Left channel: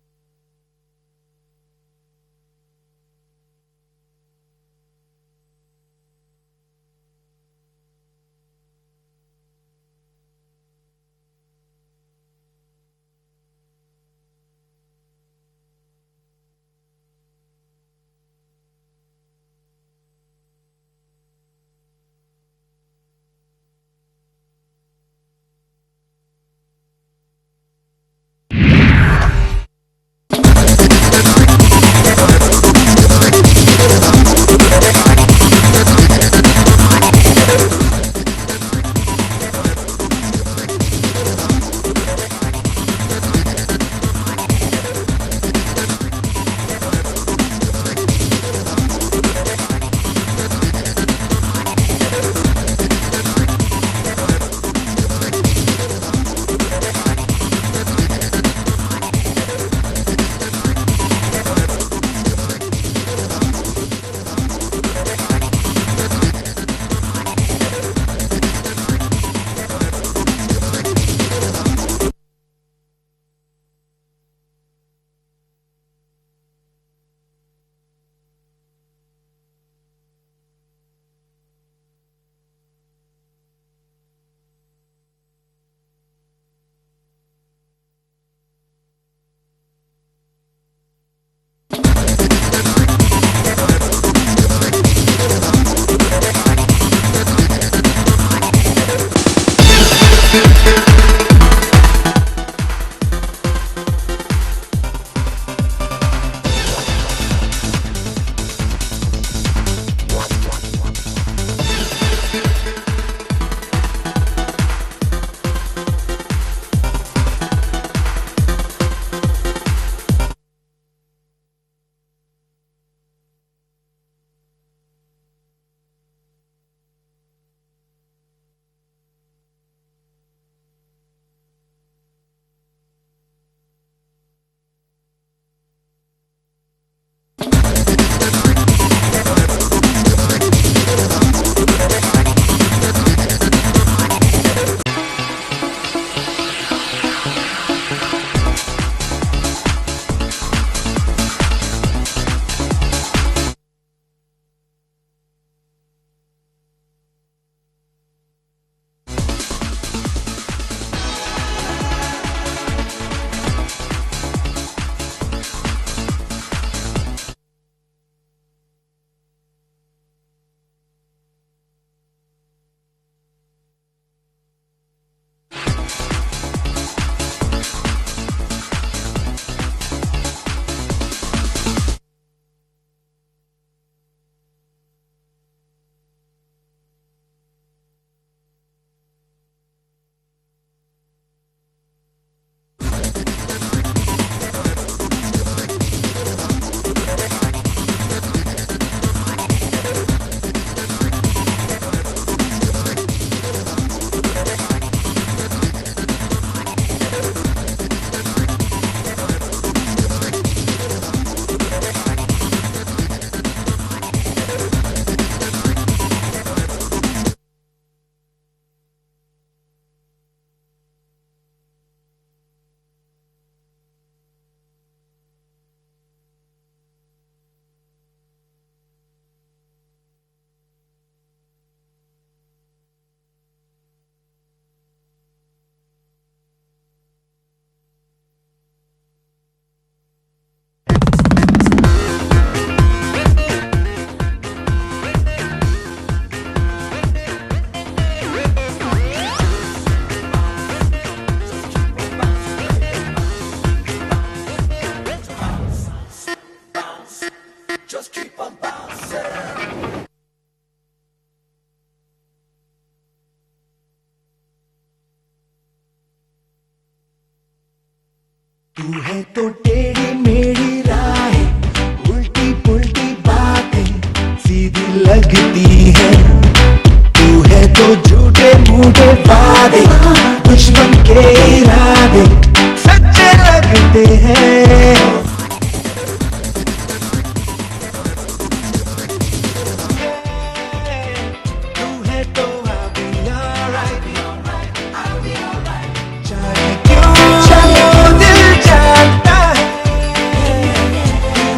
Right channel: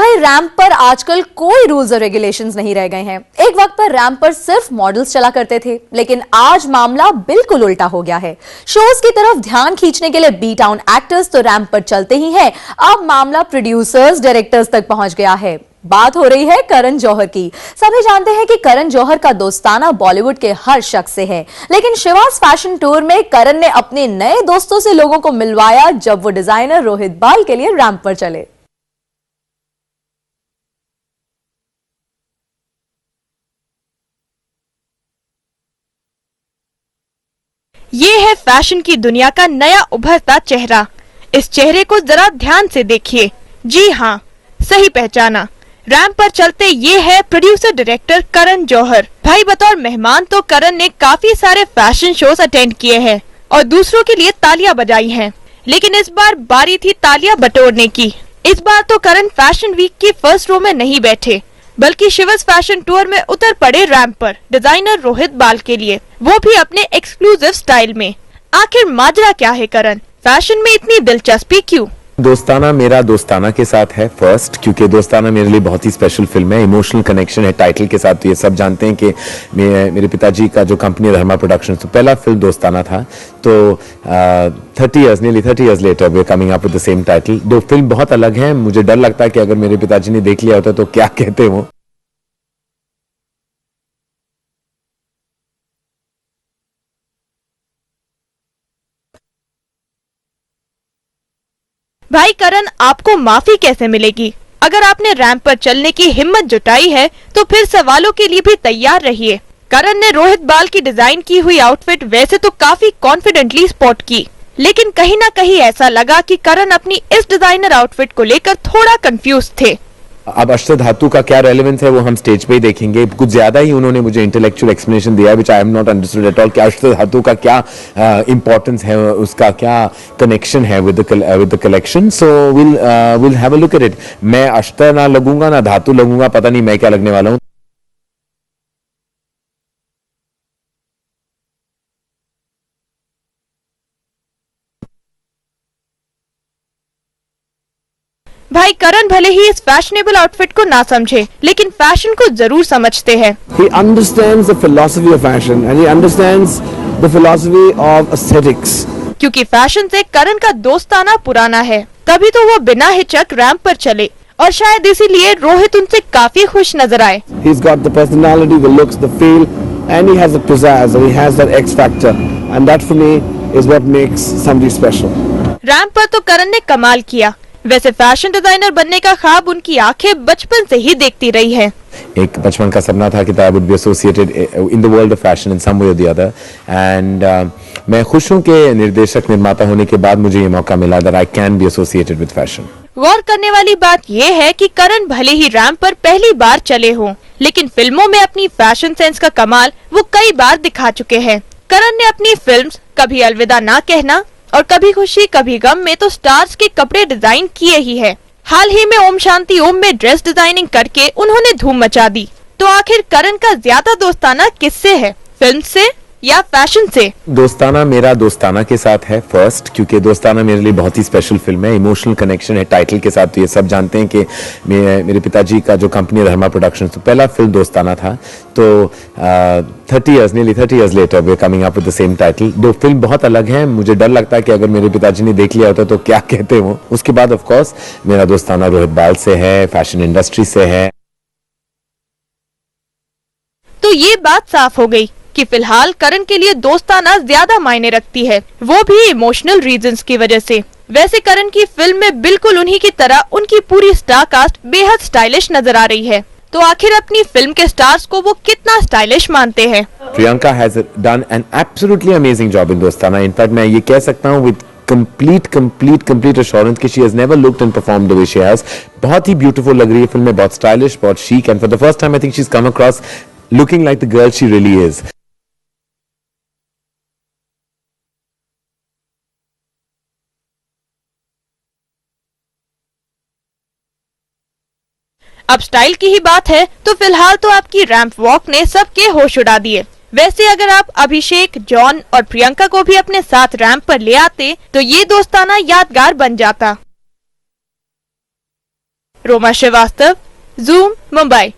भाई रैंप पर आजकल कोई रूल्स और रेगुलेशंस नहीं रह गए हैं। एक वक्त पर रैंप पर सिर्फ मॉडल्स चला करते थे, लेकिन आज मामला बिल्कुल उल्टा हो गया है। शोज की तरफ ध्यान खींचने के लिए बी टाउन एक्टर्स तो रैंप पर चलते ही हैं, अब मामला प्रोड्यूसर्स, डायरेक्टर्स तक पहुंच गया है। बात हो रही है करण जौहर की। सभी जानते हैं कि करण जौहर का दोस्ताना बॉलीवुड के हर शख्स से है, लेकिन शिवास फैशन टूर में करण ने अपने नए दोस्तों से लोगों को मिलवाया जब वो डिजाइनर रोहित बाल के लिए रैंप पर चले। ये है फैशन की दुनिया का नया उभरता चेहरा। इस चेहरे को जरा ध्यान से देखिए। जी हाँ, सही पहचाना। रैंप पर चलते ये है प्रोड्यूसर डायरेक्टर करण जौहर। भाई बतौर मेहमान तो करण ने काफी सारे फैशन शोज अटेंड किए हैं और दूसरों के लिए तालियां बजाई हैं, लेकिन इस बार बारी थी तालियां बटोरने की। इस बार तो करण फैशन वीक की फर्स्ट रो में नहीं बैठे, बल्कि शिवास फैशन टूर में उतर पड़े रैंप पर डिजाइनर रोहित बाल के लिए, वो भी अपने एक्सक्लूसिव स्टाइल में। आखिर माजरा क्या है करण? फैशन में इतनी दिलचस्पी क्यों? दोस्ताना मेरा दोस्ताना के साथ है फर्स्ट, क्योंकि दोस्ताना मेरे लिए बहुत ही स्पेशल फिल्म है। इमोशनल कनेक्शन है टाइटल के साथ। तो ये सब जानते हैं कि मेरे पिताजी का जो कंपनी है धर्मा प्रोडक्शंस, तो पहला फिल्म दोस्ताना था। तो 30 years later we are coming up with the same title। दो फिल्म बहुत अलग हैं। मुझे डर लगता है कि अगर मेरे पिताजी ने देख लिया होता तो क्या कहते वो। भाई करण, आपको माफी कैसे मिलेगी? अगर आपने रैंप पर चलने की हिम्मत जुटाई है तो फिर सवालों के लिए भी तैयार रहिए। करण ने रोहित बाल की डिजाइन की हुई आउटफिट वैसे तो काफी कॉन्फिडेंटली स्पॉट की, लेकिन कहीं न कहीं ऐसा लगा कि करण अपनी इस डिजाइनर आउटफिट को लेकर थोड़ा कंफ्यूज थे। अब अष्ट धातु का क्या रेलेवेंस है वो हम स्टेज पे ही देखेंगे। कुछ ज्यादा ही उन्होंने मुझे इंटेलेक्चुअल एक्सप्लेनेशन दिया which I am not understood at all कि अष्ट धातु का क्या इंपॉर्टेंस है, उसका क्या कनेक्शन है with the collection. So will have a look at it. मैं अष्ट ना लगूंगा ना धातु लगूंगा, पता नहीं मैं क्या लगने वाला हूँ। भाई करण भले ही इस फैशनेबल आउटफिट को ना समझे, लेकिन फैशन को जरूर समझते हैं। He understands the philosophy of fashion and he understands the philosophy of aesthetics। क्योंकि फैशन से करण का दोस्ताना पुराना है, तभी तो वो बिना हिचक रैंप पर चले और शायद इसीलिए रोहित उनसे काफी खुश नजर आए। He's got the personality, the looks, the feel, and he has the pizzazz, and he has that X factor, and that for me is what makes somebody special। Ramp पर तो करण ने कमाल किया। वैसे फैशन डिजाइनर बनने का ख्वाब उनकी आंखें बचपन से ही देखती रही है। एक बचपन का सपना था कि I would be associated in the world of fashion in some way or the other. And मैं खुश हूं कि निर्देशक निर्माता होने के बाद मुझे ये मौका मिला that I can be associated with fashion. गौर करने वाली बात ये है कि करण भले ही रैंप पर पहली बार चले हों, लेकिन फिल्मों में अपनी फैशन सेंस का कमाल वो कई बार दिखा चुके हैं। करण ने अपनी फिल्म कभी अलविदा ना कहना और कभी खुशी कभी गम में तो स्टार्स के कपड़े डिजाइन किए ही है। हाल ही में ओम शांति ओम में ड्रेस डिजाइनिंग करके उन्होंने धूम मचा दी। तो आखिर करण का ज्यादा दोस्ताना किससे है, फिल्म से या फैशन से? दोस्ताना मेरा दोस्ताना के साथ है फर्स्ट, क्योंकि दोस्ताना मेरे लिए बहुत ही स्पेशल फिल्म है। इमोशनल कनेक्शन है टाइटल के साथ। तो ये सब जानते हैं कि मेरे पिताजी का जो कंपनी है धर्मा प्रोडक्शंस, तो पहला फिल्म दोस्ताना था। तो 30 years later we are coming up with the same title। दो फिल्म बहुत अलग हैं। मुझे डर लगता है कि अगर मेरे पिताजी ने देख लिया होता तो क्या कहते वो। उसके बाद ऑफ कोर्स मेरा दोस्ताना रोहित बाल से है, फैशन इंडस्ट्री से है। तो ये बात साफ हो गई कि फिलहाल करण के लिए दोस्ताना ज्यादा मायने रखती है, वो भी इमोशनल रीजंस की वजह से। वैसे करण की फिल्म में बिल्कुल उन्हीं की तरह उनकी पूरी स्टार कास्ट बेहद स्टाइलिश नजर आ रही है। तो आखिर अपनी फिल्म के स्टार्स को वो कितना स्टाइलिश मानते हैं? Priyanka has done an absolutely amazing job in दोस्ताना। इनफैक्ट मैं ये कह सकता हूँ विद complete assurance कि she has never looked and performed the way she has। बहुत ही beautiful लग रही है फिल्म में, बहुत stylish, बहुत chic, and for the first time I think she's come across looking like the girl she really is। लगती है तू है तो झूठे मूठे वादे, दुश्मन के इरादे सच्चे लगते हैं। अब स्टाइल की ही बात है तो फिलहाल तो आपकी रैंप वॉक ने सबके होश उड़ा दिए। वैसे अगर आप अभिषेक, जॉन और प्रियंका को भी अपने साथ रैंप पर ले आते तो ये दोस्ताना यादगार बन जाता। रोमा श्रीवास्तव, जूम, मुंबई।